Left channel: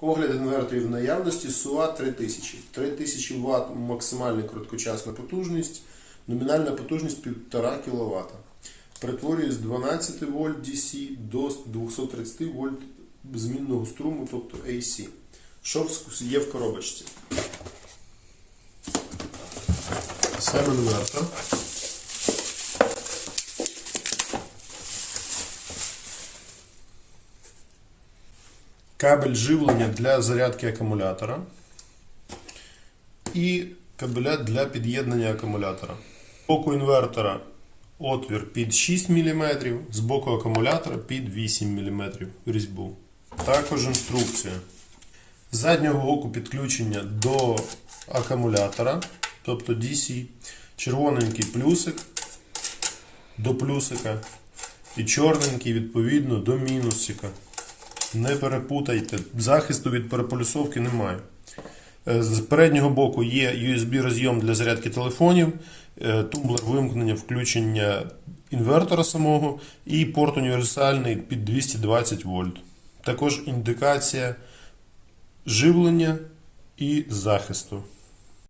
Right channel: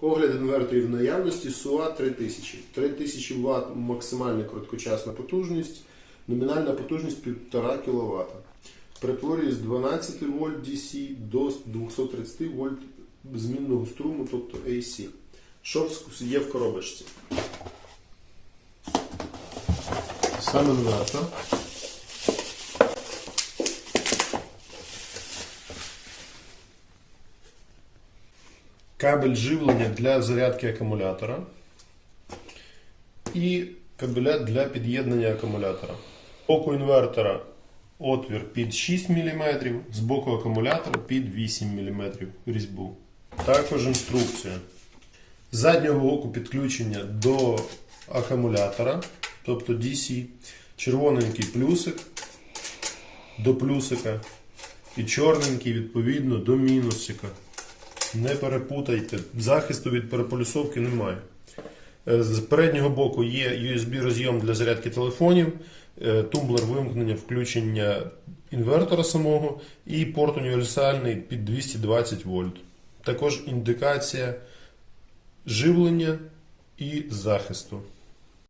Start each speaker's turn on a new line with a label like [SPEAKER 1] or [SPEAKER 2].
[SPEAKER 1] Огляд інверторів наявності SUA 3000. 3000 Вт максимальна короткочасна потужність, номінальна потужність 1,5 кВт. Перетворює з 12 вольт DC до 230 вольт змінного струму, тобто AC. Що є в коробочці? Сам інвертор. Кабель живлення для зарядки акумулятора і кабеля для під'єднання акумулятора. З боку інвертора отвір під 6 мм, з боку акумулятора під 8 мм різьбу. Також інструкція. З заднього боку підключення до акумулятора, тобто DC, червоненький плюсик до плюсика і чорненький відповідно до мінусика. Не перепутайте, захисту від переполюсовки немає. Е, З переднього боку є USB розйом для зарядки телефонів, е, тумблер вимкнення включення інвертора самого і порт універсальний під 220 вольт. Також індикація живлення і захисту.